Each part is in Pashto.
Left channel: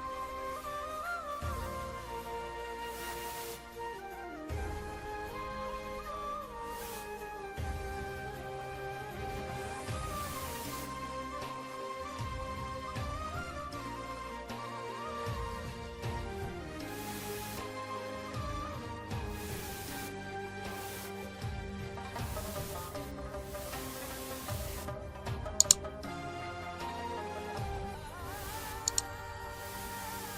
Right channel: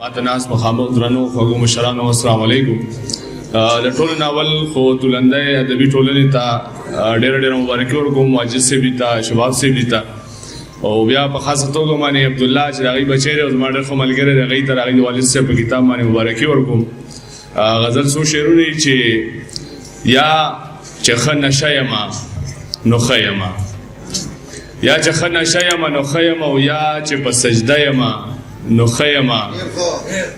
ماته ناست مخامخ درنو خوږو مشرانو السلام علیکم. د ټولو ناول خو تولندۍ ادبي ټولنې ته ډېره مبارکي ورکوم، واجد صاحب ته، شباب صاحب ته، او بیا په خاصه توګه باندې عبدالله چې د هغوی بچی دی او زما ډېر ښه ملګری دی، هغوی ته د هغوی د والد صاحب په کتاب باندې مبارکي ورکوم. غزل څو شعرونه چې یا چې ښه نشه یمه نو ښه یمه، یا چې ښه نشه یمه نو ښه یمه، او یا چې په سجده یمه نو ښه یمه،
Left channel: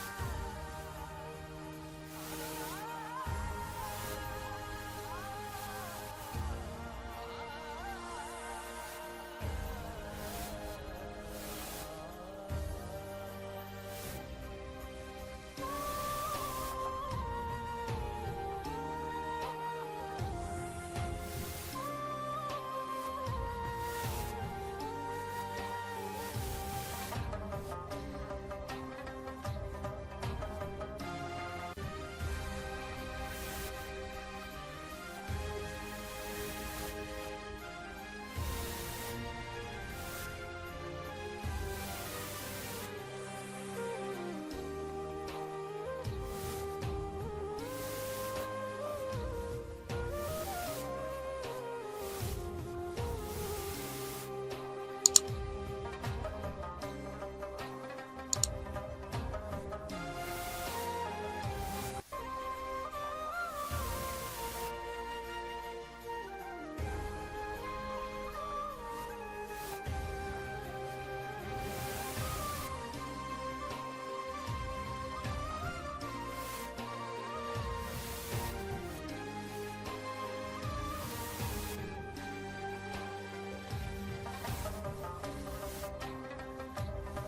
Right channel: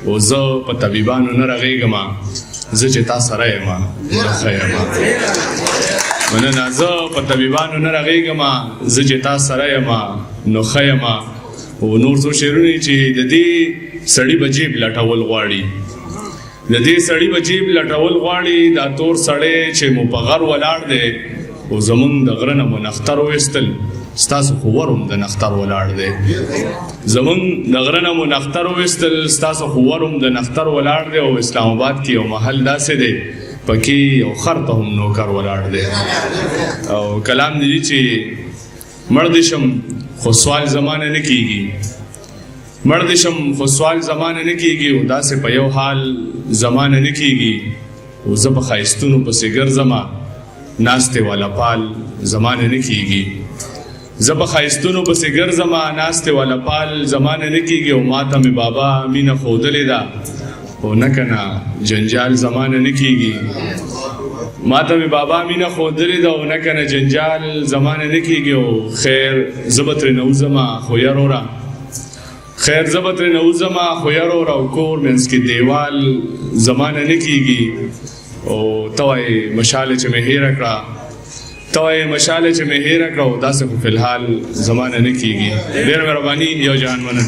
او زه په طبیبانو نه رغېږمه، زه چې تا سره یمه نو ښه یمه. مننه. زه په طبیبانو نه رغېږمه، زه چې تا سره یمه نو ښه یمه. او نور څو شعرونه چې د دې سړي به جیب لټول غواړي، د دې سړي به جیب لټول غواړي، دا تور سړی چې مو په غر ولاړ دی، او زمونږ د غره نه مو نختر وویستل، ستاسو خو ور هم د نختر ولاړ دی. زمونږ د غره نه مو نختر وویستل، ستاسو خو ور هم د نختر ولاړ دی. او اسلام آباد کې یو محل داسې دی پکې یو خر ته هم نوکر ولاړ دی. او کلام دی چې مړ دې شم خو سوال زمانه نه کیږي، مړ دې شم خو سوال زمانه نه کیږي، او داسې په یو حال زمانه نه کیږي. او زه په ښایستونو پسې ګرځمه، ناستې والا پال زمانه نه کیږي. زه په ښایستونو پسې ګرځمه، ناستې والا پال زمانه نه کیږي. او ماته مې بابا مینه ښودلې ده، او نه کنه جنجال زمانه نه کیږي. ماته مې بابا مینه ښودلې ده، او نه کنه جنجال زمانه نه کیږي. او خیر زه به ترې نه وځمه خو یروره، خیر زه به ترې نه وځمه خو یروره، او کور منځ کې دیوال زمانه نه کیږي. او ته وایې مشاله چې مې هېره کړه، ته وایې مشاله چې مې هېره کړه، او داسې خو فی الحال زمانه نه کیږي. ډېره مهرباني، یو جهان مننه.